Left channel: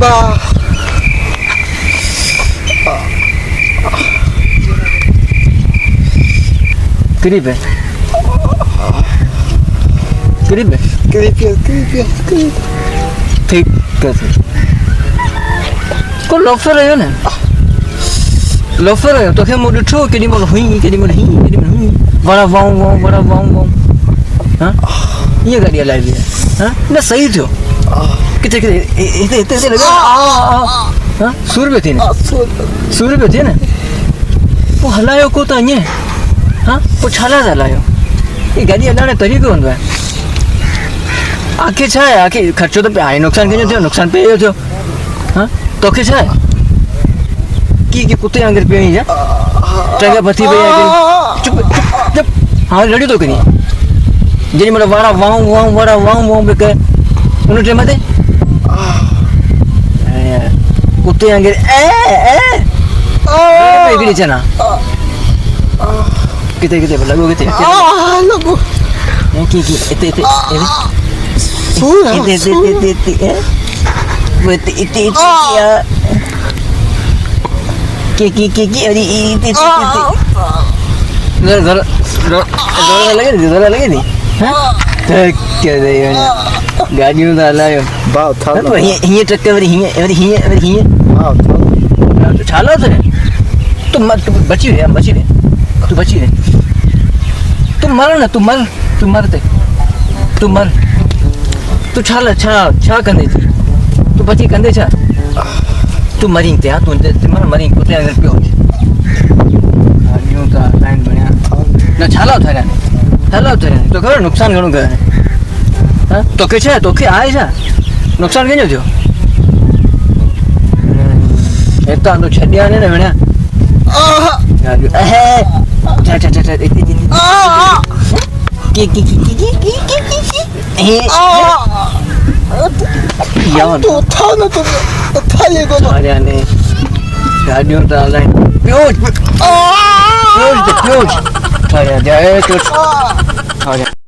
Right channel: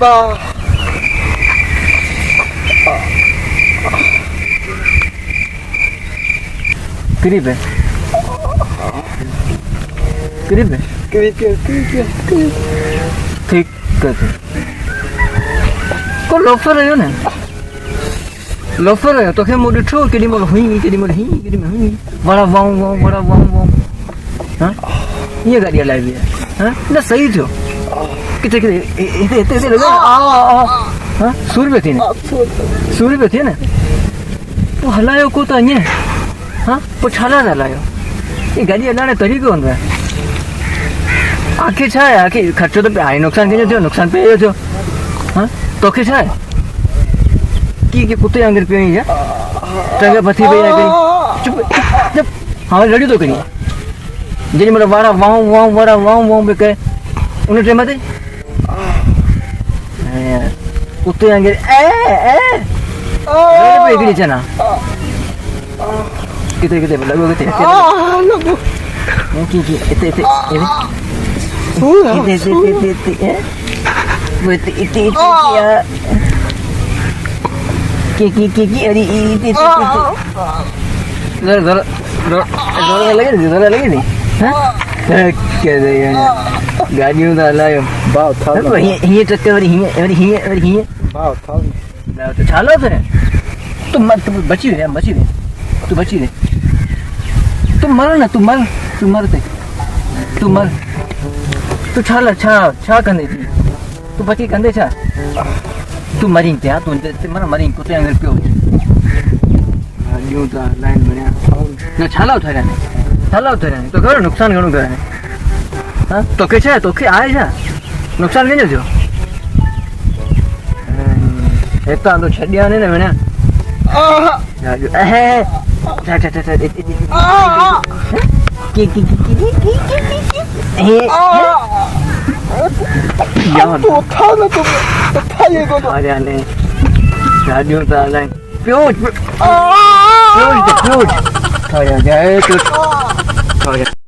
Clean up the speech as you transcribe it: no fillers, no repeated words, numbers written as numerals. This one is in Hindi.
बा करीब है ठीक कैसे को लोफर है ना लोफर है तो क्या मोड़ ठो के लिए हुई बड़ा वाऊ हाँ ये गाड़ी लाइव है हाँ ना सही जो कितने इतने लगे हाँ सूर पे थे ना वो हलायो को तो अन्य हाँ वो छाला हलायो ये गाड़ी हलाने तरीके कौन है आखिर छाए आखिर खर्चो तो पे आए नुकसान के जो नुकसान पे जो हाँ तो क्या छाए कि कुत्ते अंगर पे ही जा टंगे बत्ती पे आके चुप हाँ लड़ी तो कहीं जनी मतलब वाऊ पे कहे उन्हें टेम आते कुत्ते अंगर पे गिरी चना किते लगो लगो कि इते लगे नी क्या दे गाड़ियों का लायो बाव था तो ये टक्कर वाली बाव था तो छाला तो है तू बची रहे तुम मर ना तू मर तू छा कंदे थी तू बची कंदे छा तू मरी ते हां तू मरी कुत्ते अंदर पियो यूं ता लाइन बणिया ना छाला उठारे तो घर नुकसान घणो करे हां तो के छे तो के आए छा नुकसान केजो थियो एता तो छड्या ने बणिया तो था ना तो था ये को अरे ने गाड़ियों तो लाइन प्योज था जाए तो